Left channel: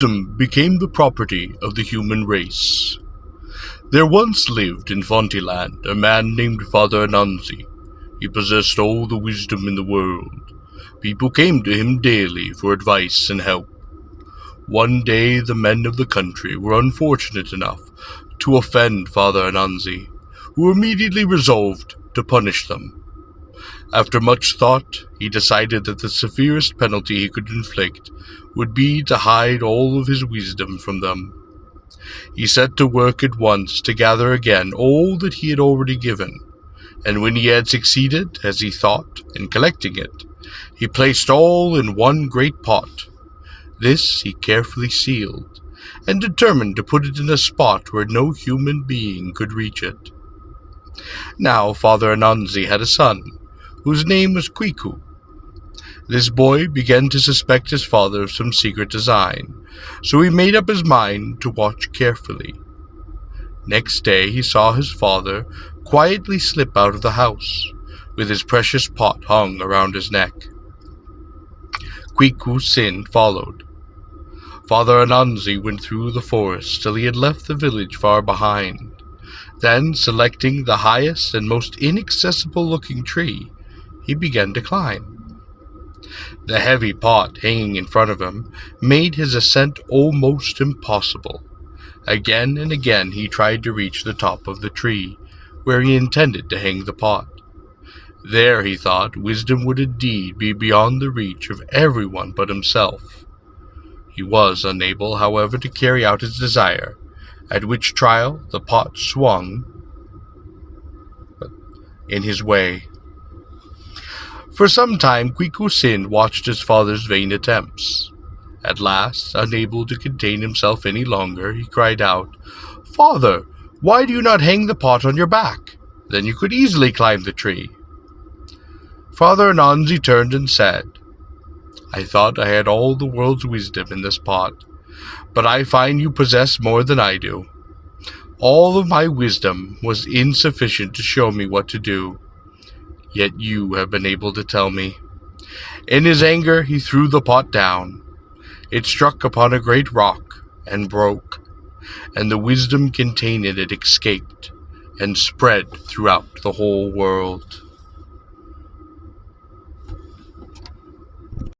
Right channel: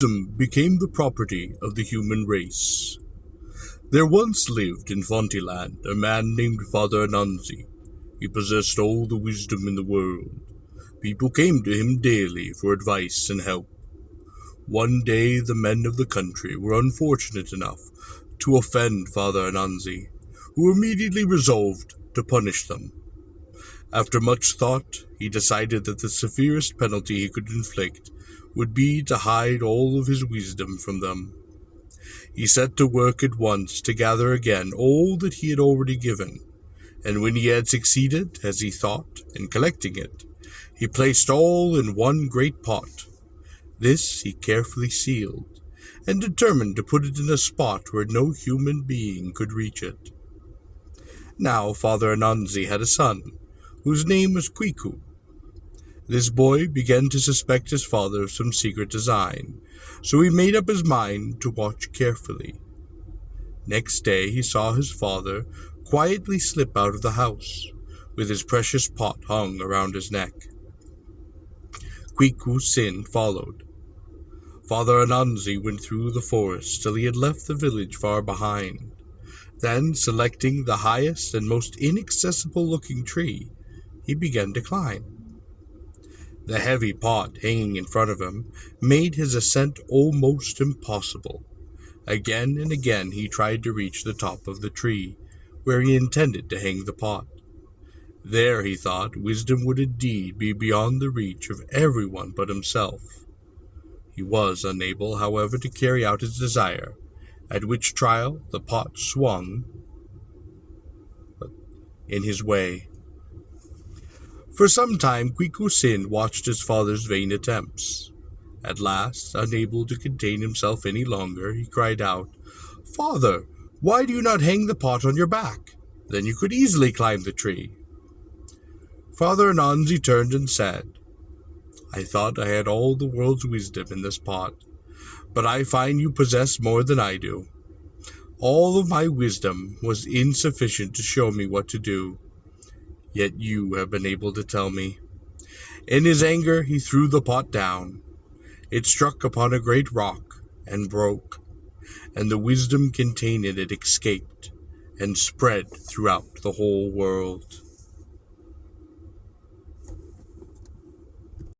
Wisdom became the property of the human race. There once lived in Fontyland a man named Father Anansi. He possessed all the wisdom in the world. People came to him daily for advice and help. One day the men of the country were unfortunate enough to offend Father Anansi, who immediately resolved to punish them. After much thought, he decided that the severest penalty he could inflict would be to hide all of his wisdom from them. He set to work at once to gather again all that he had already given, and when he had succeeded, as he thought, in collecting it, he placed all in one great pot. This he carefully sealed, and determined to put it in a spot where no human being could reach it. Now Father Anansi had a son, whose name was Kwiku. This boy began to suspect his father of some secret design, so he made up his mind to watch carefully. Next day he saw his father quietly slip out of the house, with his precious pot hung around his neck. Kwiku's sin followed. Father Anansi went through the forest till he had left the village far behind. Then, selecting the highest and most inaccessible-looking tree, he began to climb. The heavy pot hanging in front of him made his ascent almost impossible. Again and again he tried to reach the top of the tree, where he intended to hang the pot. There, he thought, wisdom would indeed be beyond the reach of everyone but himself. He was unable, however, to carry out his desire, at which trial the pot swung in his way. For some time Kwiku Sin watched his father's vain attempts. At last, unable to contain himself any longer, he cried out, "Father, why do you not hang the pot on your back? Then you could easily climb the tree." Father Anansi turned and said, "I thought I had all the world's wisdom in this pot, but I find you possess more than I do. All of my wisdom was insufficient to show me what to do, yet you have been able to tell me." In his anger, he threw the pot down. It struck upon a great rock and broke, and the wisdom contained in it escaped and spread throughout the whole world.